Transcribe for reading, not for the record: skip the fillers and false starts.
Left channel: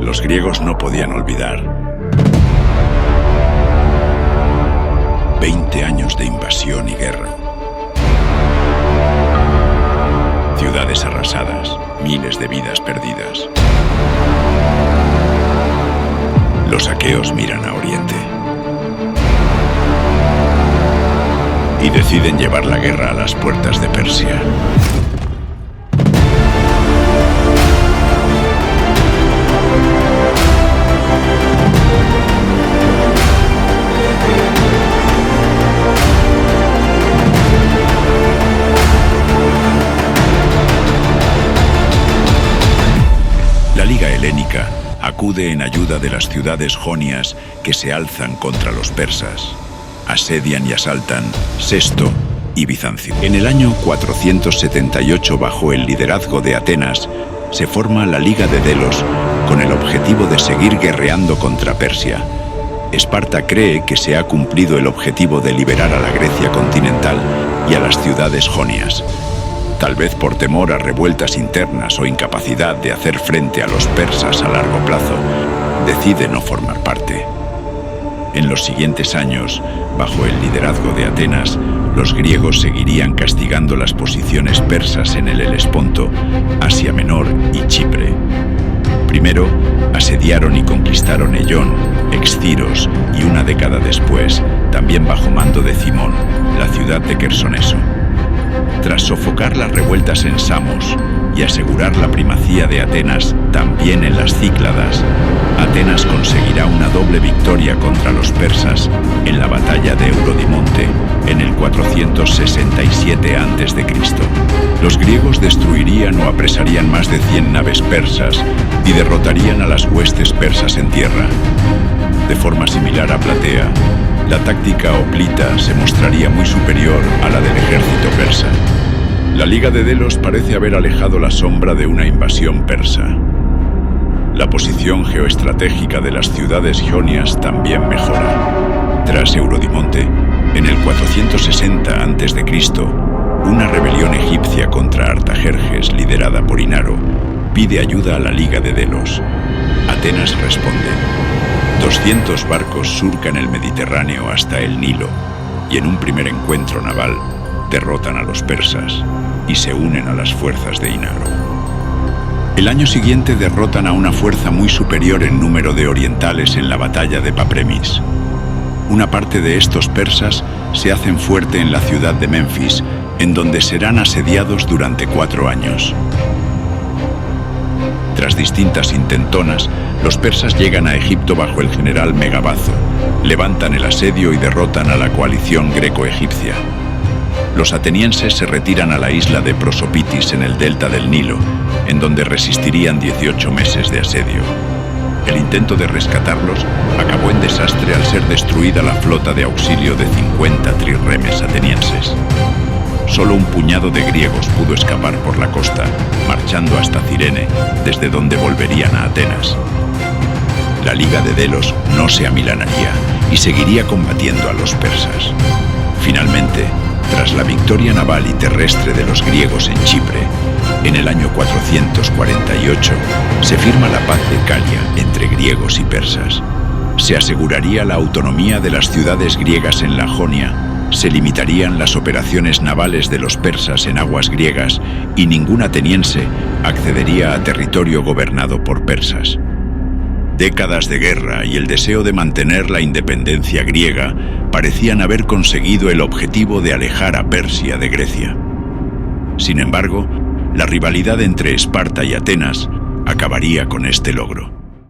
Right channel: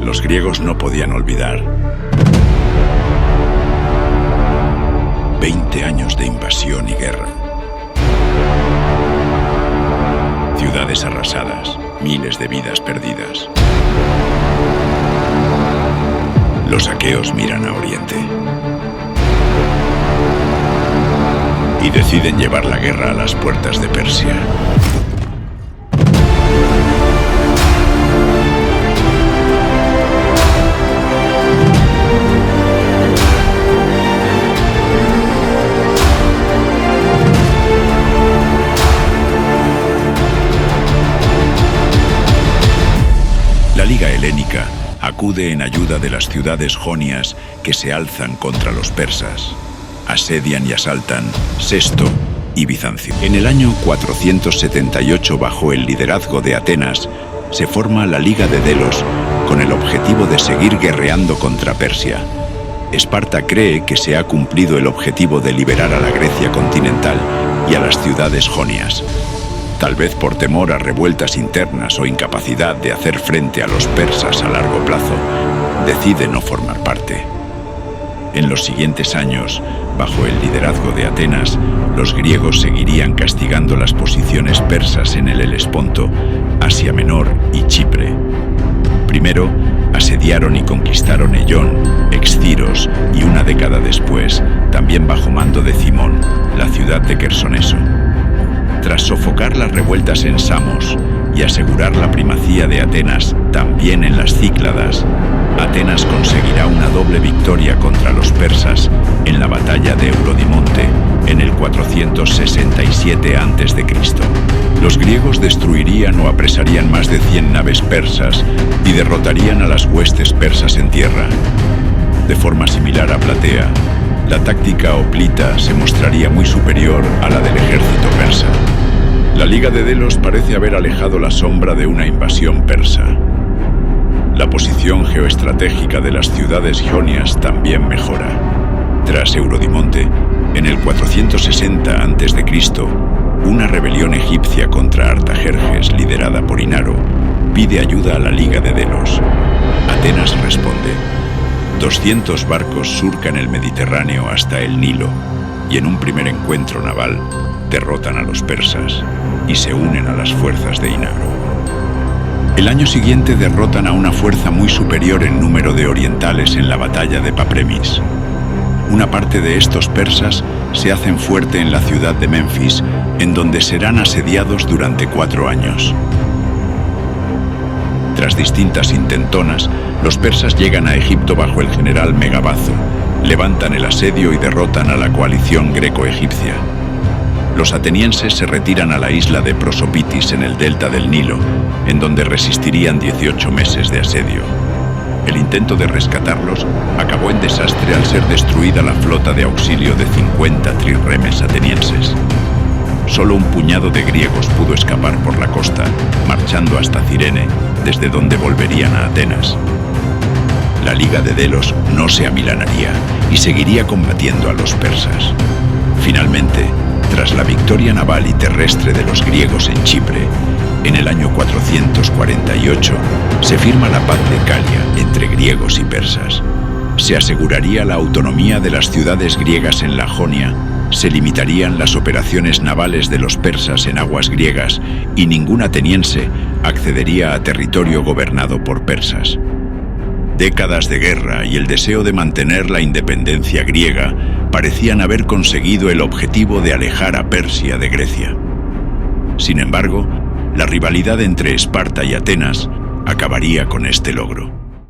Los griegos no podían olvidar 20 años de invasión y guerra. Ciudades arrasadas, miles de vidas perdidas. Los aqueos miran a Oriente y deciden llevar la guerra a las puertas de Persia. La Liga Helénica acude en ayuda de las ciudades jonias que se alzan contra los persas. Asedian y asaltan Sesto y Bizancio. En el año 478, bajo el liderazgo de Atenas, se forma la Liga de Delos con el objetivo de seguir guerreando contra Persia. Esparta cree que se ha cumplido el objetivo de liberar a la Grecia continental y a las ciudades jonias. Tal vez por temor a revueltas internas o incapacidad de hacer frente a los persas a largo plazo, decide no formar parte. En los siguientes años, bajo el liderazgo de Atenas, los griegos seguirían castigando las posiciones persas en el Helesponto, Asia Menor y Chipre. Primero, asediaron y conquistaron Ellón, Exciros y una década después, también bajo mando de Cimón, la ciudad de Quersoneso. Tras sofocar las revueltas en Samos y asegurar la primacía de Atenas también en las Cícladas, Atenas conseguirá una doble victoria contra los persas en la batalla de Eurodimonte en el 467 a.C. Los griegos destruirían o apresarían más de 100 naves persas y derrotarían a las huestes persas en tierra. De forma similar a Platea, la táctica hoplita se mostraría muy superior a la del ejército persa. La Liga de Delos parece haber alejado la sombra de una invasión persa. La posición geoestratégica de las ciudades jonias también mejora. Tras Eurodimonte, en el 460 a.C., una rebelión egipcia contra Artajerjes, liderada por Inaro, pide ayuda a la Liga de Delos. Atenas responde. 200 barcos surcan el Mediterráneo hasta el Nilo y en un primer encuentro naval derrotan a los persas y se unen a las fuerzas de Inaro. El año siguiente derrotan a una fuerza muy superior en número de orientales en la batalla de Papremis. Una parte de estos persas se hacen fuerte en la ciudad de Menfis, en donde serán asediados durante 4 años. Tras distintas intentonas, los persas llegan a Egipto bajo el general Megabazo, levantan el asedio y derrotan a la coalición greco-egipcia. Los atenienses se retiran a la isla de Prosopitis en el delta del Nilo, en donde resistirían 18 meses de asedio. El intento de rescatarlos acabó en desastre al ser destruida la flota de auxilio de 50 trirremes atenienses. Solo un puñado de griegos pudo escapar por la costa, marchando hasta Cirene, desde donde volverían a Atenas. La Liga de Delos no se amilanaría y seguiría combatiendo a los persas. Finalmente, tras la victoria naval y terrestre de los griegos en Chipre, en el año 448, se firma la paz de Calia entre griegos y persas. Se aseguraría la autonomía de las ciudades griegas en la Jonia, se limitarían las operaciones navales de los persas en aguas griegas y ningún ateniense accedería a territorio gobernado por persas. Décadas de guerra y el deseo de mantener la independencia griega parecían haber conseguido el objetivo de alejar a Persia de Grecia. Sin embargo, la rivalidad entre Esparta y Atenas acabaría con este logro.